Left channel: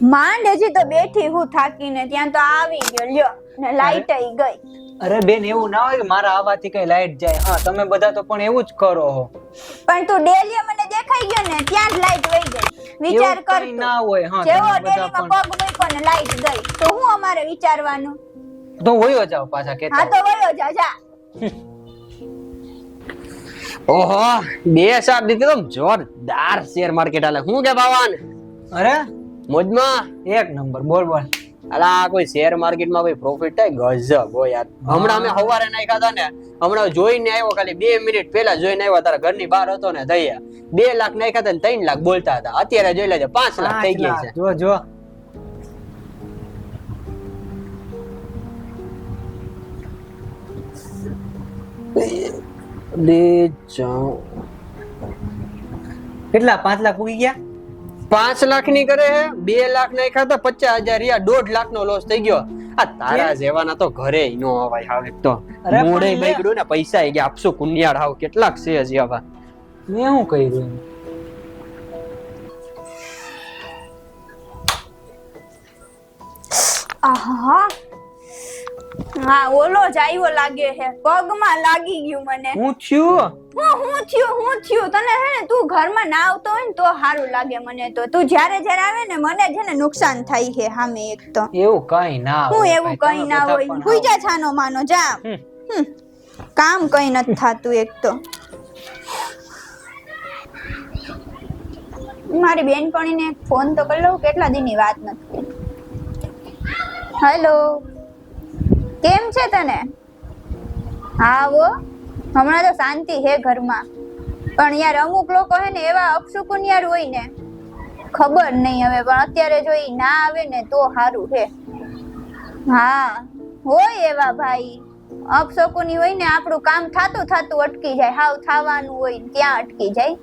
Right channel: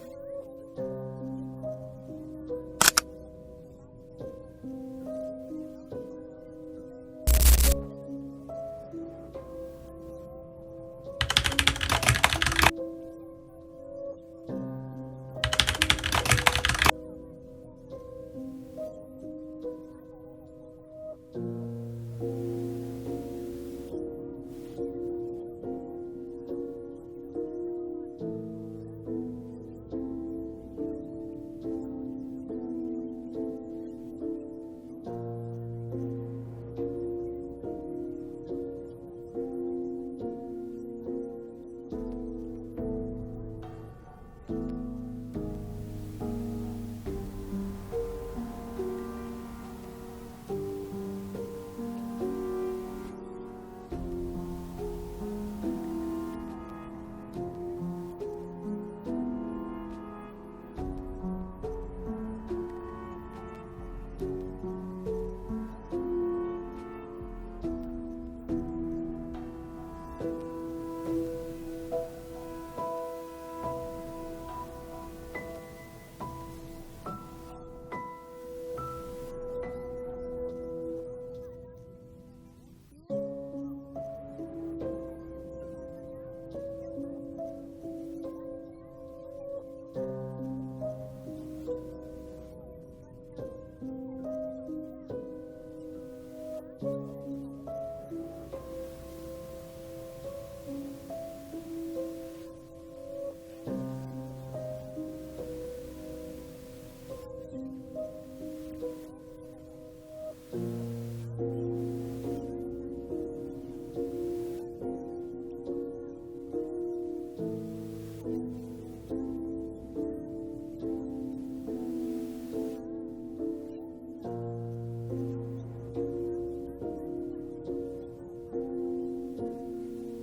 માંડ હજી તો બેઠી હું થાકીને, ત્યાં તો આવી ગયો લ્યો ને લાઈટ આઈ ગઈ. અરે બેન, એવું ના હોય કે મારા આવવાથી કઈ લાઈટ જાય. હા, તમે બધા તો પણ એવું જ કરો છો. પણ તું ડેલી મને દેખાઈ ગયો ને ત્યાં જ લાઈટ વઈ ગઈ. વિચાર એવું કર કંઈ તું. ના હોય. હા, જેવો તમે બધા ડેલીમાં પણ પગ મૂક્યો ને લાઈટ ગઈ તો હું અમારે વિચારવાનું? તો વયો જાવ પાછા હા કેતા. તો વયો જા જા. ઓહો, બે સાત દીધી તો જોરદાર શેર માર્કેટ હાલે. હું કે ભાવાન અરે મોજમાં? એક નંબર. બોલ બોલ. અલા કોઈ શેર માર્કેટ માં કોઈ પ્રોફિટ થાય ગજબ હો યાર. હમણાં અમે સવારે નાખ્યા હતા ને, હમણાં જોઈને આવ્યો, ખાલી 2 મિનિટ પહેલા જોઈને આવ્યો, તારા ઘરની બહાર હતો ને દયા 2 લાખ નાખ્યા હતા ને 3 લાખ બોલતા હતા. અત્યારે જોઈ લેજે 5 લાખ થઈ ગયા છે. જો જો કેટલા 5 લાખ પૂગી ગયા. 5 લાખ ની કરે હે, 2 લાખ નાખ્યા હતા 50,000 રહ્યા, 1.5 લાખ નો લોસ થઈ ગયો. આ તારા જેવાના તો ઘરે નો અવાય હવે તો. અરે મોડે પણ બગડ્યું ને, પૈસા આવી ગયા. આપશું કુનિયાળ હાવ કેટલાક છે હજી આવા. મેં શું કર્યું? આહા હા, ઓલો જ આવ્યો લાગે છે, પગમાં લાગી ગયું મને. હું થયું? હું થયું તને હે ને, તું ઘરમાં ના આવતો હોય ને તો સારું લાગે મને. તો તું જ્યારે જ્યારે આવે ને મને છે ને નુકસાન થાય છે સામે. એક તો એવું કઈ ના હું હોય. એવું ભાઈ, કઈ તમે ના બધા હોય. પણ હુઈ જા છાનો માનો જા. કામ કઈ નથી થાતું. એક તો મારી બેનપણીને ફોન તો કરી લઉં, કેટલા દિનની વાત નથી. હેલો, કેમ છે તને? હા હો, હમણાં તો શાંતિ હે ઘરમાં. પણ યાર અમુક લોકો હે ને એવા અપશુકુન યાર હોય ને, ખબર નહીં હવે. પણ અત્યારે જો ઈ ના આવે ને તો સારું હે. હા હોય એવા ભાઈ અપશુકુની હોય ને, આપણું કામ થાતું થાતું અટકી જાય. હાવ થવાનું હોય ત્યાં અટકી જાય.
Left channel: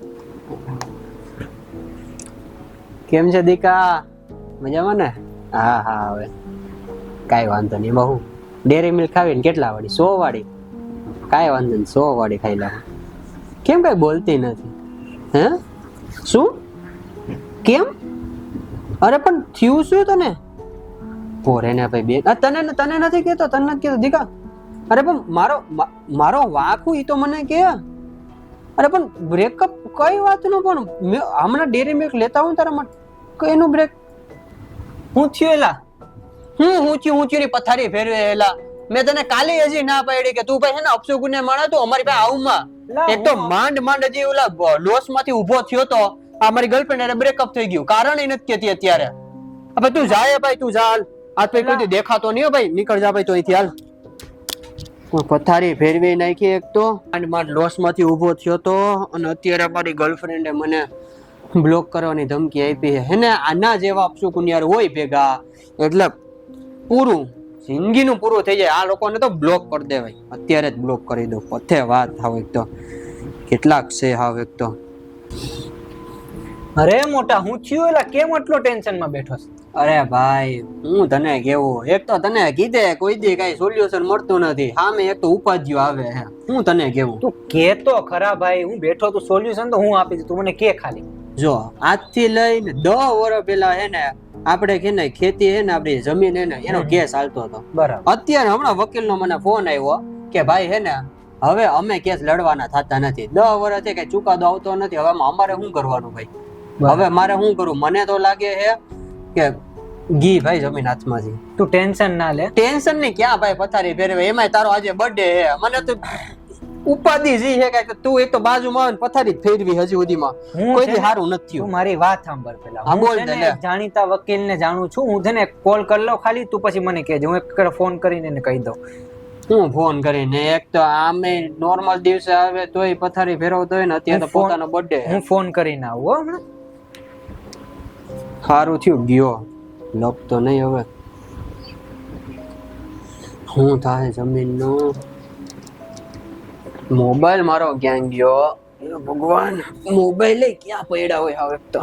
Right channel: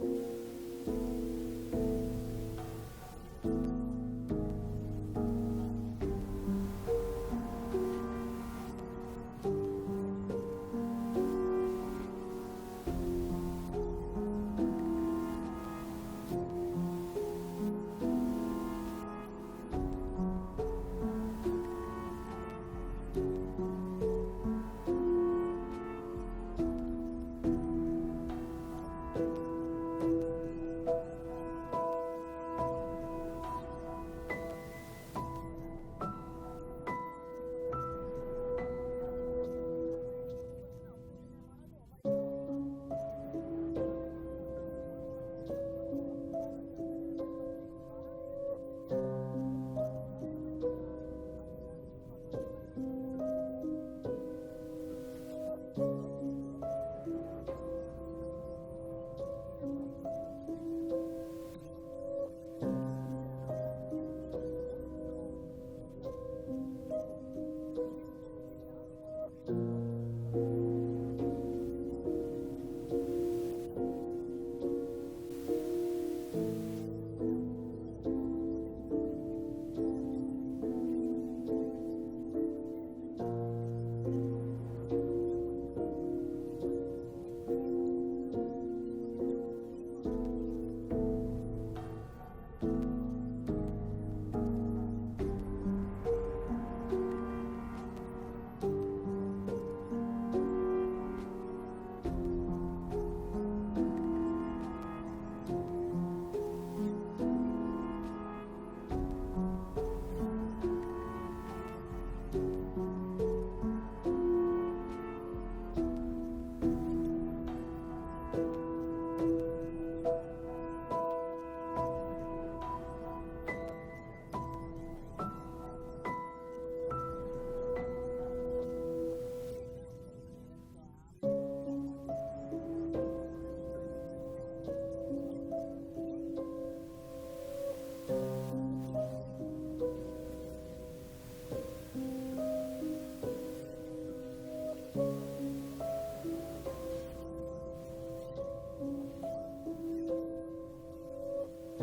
કેમ છે દીકા? મજામાં ને? હા હા, હવે કાઈ વાંધો નહીં. બહુ ડેરી મિલ્ક ખાવીને કેટલા વાળી? 100 વાળી? કાઈ વાંધો નહીં, 100 વાળી ખાઈ લાવ. કેમ કઈ બોલતી નથી? હે શું? કેમ? અરે પણ થયું શું તને? પોરે ને ભાઈ બે તને નથી કહેતો, તને નથી કહેતો દીકા. અરે પણ મારો વાક ઈ તો મને કે. અરે પણ બ્રેકઅપ કઈ વાતનું? પણ હમણાં ડેરી મિલ્ક લેતા હું તારા માટે. કઈનું બ્રેક? હું થયું એલા? હું થયું ની પથારી ફેરવે એલા. મેં તને કાલે હજી ના પાડી કે તું ભાઈ છે ને અપશુકુને માણા તું અમારી પાસે આવમાં. એક તો માંડ હજી ઓલા લોસ માંથી ઉભો થયો તો અમારી ગર્લફ્રેન્ડ એને બ્રેકઅપ થઈ ગયું. કારણ એ નથી કેતી અત્યારે. હવે તું જાય ભાઈ, તું ચાલ. આજ પછી કોઈ દેખાતો નહીં ભાઈ. નીકળ જા ભાઈ તો અહીંથી હાલ. પથારી ફેરવી નાખી. એક તો માંડ લોસ માંથી ઉભો થયો તો, અને અત્યારે મારી ગર્લફ્રેન્ડે મને બ્લોક કરવાની ધમકી આપી છે. હેને આના જેવા અપશુકુનિયાર હોય ભેગા એટલે પૂરું જિંદગીનું પૂરું થઈ જાય. આ લોકોને તો બ્લોક કરી દેવાય. અત્યારે જ બ્લોક કરી દો. પથે વાત હાવ. એક તો કેટલાક છે હાવ. એક તો અરે મોટા, હું થયું એલા? કેમ આટલો ટેન્શન માં બેઠો છે? અરે ભાઈ હું તને કેવું, એક તો તને કીધે કોઈ દી કઈ સોલ્યુશન મળતું નથી. સામે એક તો ઉપાધિઓ આવે છે. હું તને કેવું, તું કે તો ખરા ભાઈ. હું બેઠો તું સોલ્યુશન તો હું આપી દઉં, તું મને કે ખાલી. જો આજથી લઈને 10 વર્ષ પેલા હે ને આપણે કે ને ખેતી હે ને આપણી જમીન હે ને એનો કેસ હાલતો હતો. બરાબર. અત્યારે હમણાં વકીલ નો મને ફોન આવ્યો કે ભાઈ હે ને હવે અમે કેસ લડવાના થતા નથી. 10 વર્ષથી કઈ ચુકાદો આવતો નથી. હવે અમારે શું કરવાનું ભાઈ? હવે મારે શું કરું? મને તો લાગે હે કે ગી ભાઈ જમીન હાથમાંથી. તું ટેન્શન ના લે. ટેન્શન ની ક્યાં ભાઈ, પથારી ફેરવે. એમાંય તારો આજે બર્થડે હે. મને તો ઉપાધિ જી છે કે તું એક તો બાજુમાં આવે ને પથારી ફેરવી હજી સુધીમાં કોઈ દી સારું નથી થયું. તું મારી વાત સાંભળ પેલા. હા, બોલ હું છે દે ને લે. જાણીતા વકીલને જાણું છું. હું છે ને કોલ કરી લઉં ખાલી, તું પછી મને કહેજે. હું એક ફોન કરીને એને કહી દઉં. હું ફોન કરીને એક તો આમે નોર્મલ દિવસે આવે તોય પથારી ફેરવતો હોય ને, અત્યારે તો પોતાનો બર્થડે. હું ફોન કરીને આવું હો હમણાં. સારું થયું ગયો. લપતો નહીં હવે. શું થાય જમીનનું? મોબાઈલ મારો ક્યાં ગયો? એ ભગવાન, મોબાઈલ ક્યાં પડ્યા હોય હવે તો.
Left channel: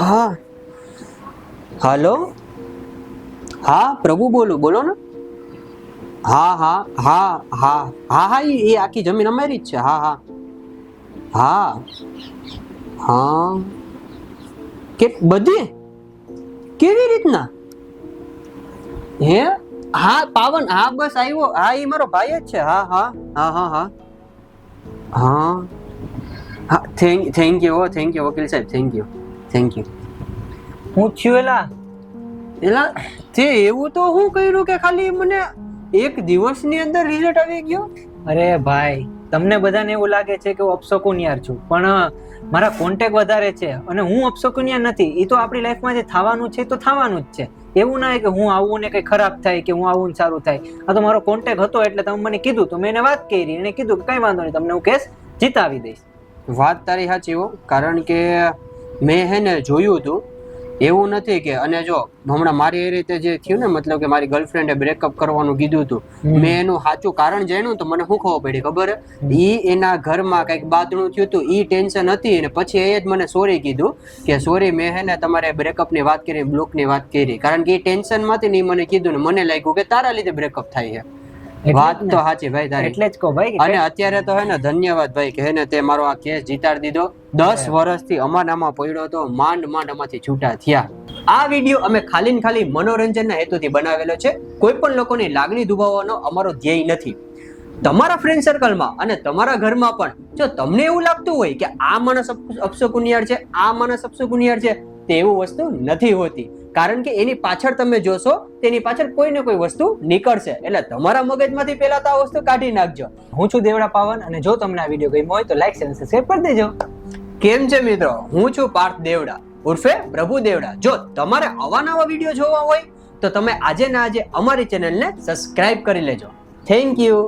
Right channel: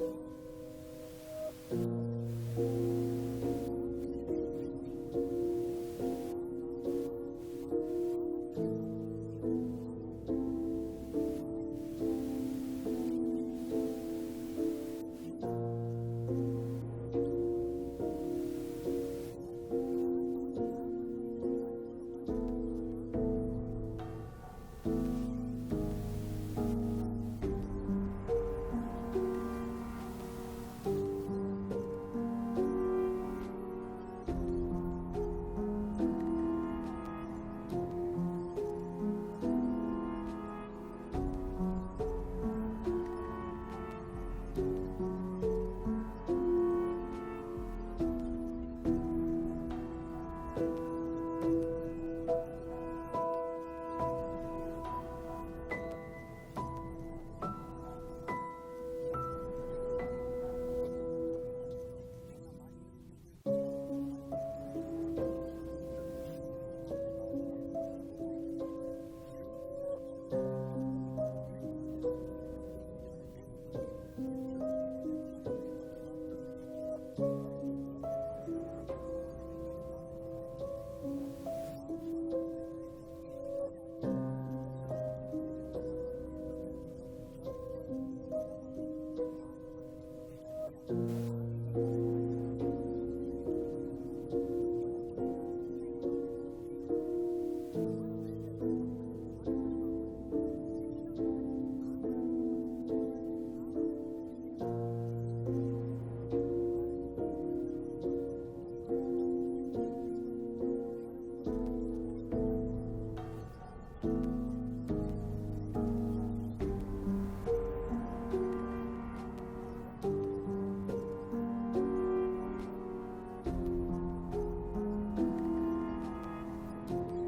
હા હાલો, હા પ્રભુ બોલું, બોલો ને. હા હા હા હા હા હા, એ આખી જમીન અમારી જ છે. હા હા હા હા કે બધી કેવી રીતના હે હા પાવન હા બસ આવ્યો હા એ મારો ભાઈ જ છે હા હા હા હા હા હા હા થેન્ક યુ વકીલ સાહેબ થેન્ક યુ હું થયું એલા એલા તે એવું તો હું કર્યું કે ખાલી મને એક દિવસની અંદર રિઝલ્ટ આવી ગયો અરે ભાઈ તમને બધાને એવું લાગે છે કે હું અપશકુનિયાર છું પણ મારા કોન્ટેક્ટ વધારે છે અને હું અપશકુનિયાર નથી એ તો આપણી લાઈફમાં જે થવાનું છે તો થવાનું જ છે એવું ના કે હું આવું ને કઈ ખરાબ થાય કે હું આવું ને સારું થાય આ તો મારો કોન્ટેક્ટ હતો એટલે તમે મને કીધું તો મેં એને વાત કરી એને કીધું કે કઈ વાંધો નહીં તમને હું કેસ જીતાવી દઈશ વાત તારી સાચી હો કારણ કે મેં હે ને જોયું હતું એવું નથી કે અને જો હમણાં મારી એ રીતે જે થયું ને મતલબ કે મારી ગર્લફ્રેન્ડે બ્રેકઅપ કરવાનું કીધું હતું મેં એનું સાચું કારણ જાણ્યું તો મને શું ખબર પડી ખબર ઈ એના ઘરમાં કઈક બાદણું થયું હતું ઈ ટેન્શન હતી અને પછી એ જ મને સોરી કીધું કે સોરી મેં હે ને તમારે બ્રેકઅપ ની વાત કરી બ્લોક ની વાત કરી કારણ કે એ ટેન્શન માંથી ને મને કીધું ને મને લાગ્યું કે તારા લીધે બ્રેકઅપ થાય છે વાત તો સાચી ભાઈ તારી એટલે જ કહો ભાઈ અને અત્યારે તો હે ને ધન્યવાદ ભાઈ કે હે ને તે મારો આ કેસ જીતાડી દીધો 10 વર્ષથી અમાનામાં પડ્યો તો માંડ આમાંથી છૂટા થયા આ વિડીયો અમે ખાલી ને ખાલી મનોરંજનના હેતુથી બનાવેલો છે કોઈ પણ લોકોની લાગણી દુભાવવાનો અમારો ધ્યેય નથી તમારા ફ્રેન્ડ સર્કલમાં અને તમારા ઘરમાં પણ જો તમને એવું લાગતું હોય કે આ માણસ અપશકુનિયાર છે આ માણસ અપશકુનિયાર છે તે એવું વસ્તુ નથી હોતી કારણ કે એની પાછળ તમે જોશો તેની પાછળ કોઈ ને કોઈ વસ્તુ નીકળશે એટલે તમારા મગજમાંથી પહેલા તો આ વસ્તુ કાઢી નાખજો હું છું દેવડા પાવન અને જો તમને આ વિડીયો ગમ્યો હોય તો લાઈક શેર અને સબસ્ક્રાઇબ કરી દેજો કેમ છે મિત્રો હું છું પાર્થ દેવડા ઉર્ફે પ્રભુ દેવડા જો તમારે અવાનવા વિડીયો જોવા હોય તો તમે આજે ને આજે અમારી ચેનલને સબસ્ક્રાઇબ કરી લેજો થેન્ક યુ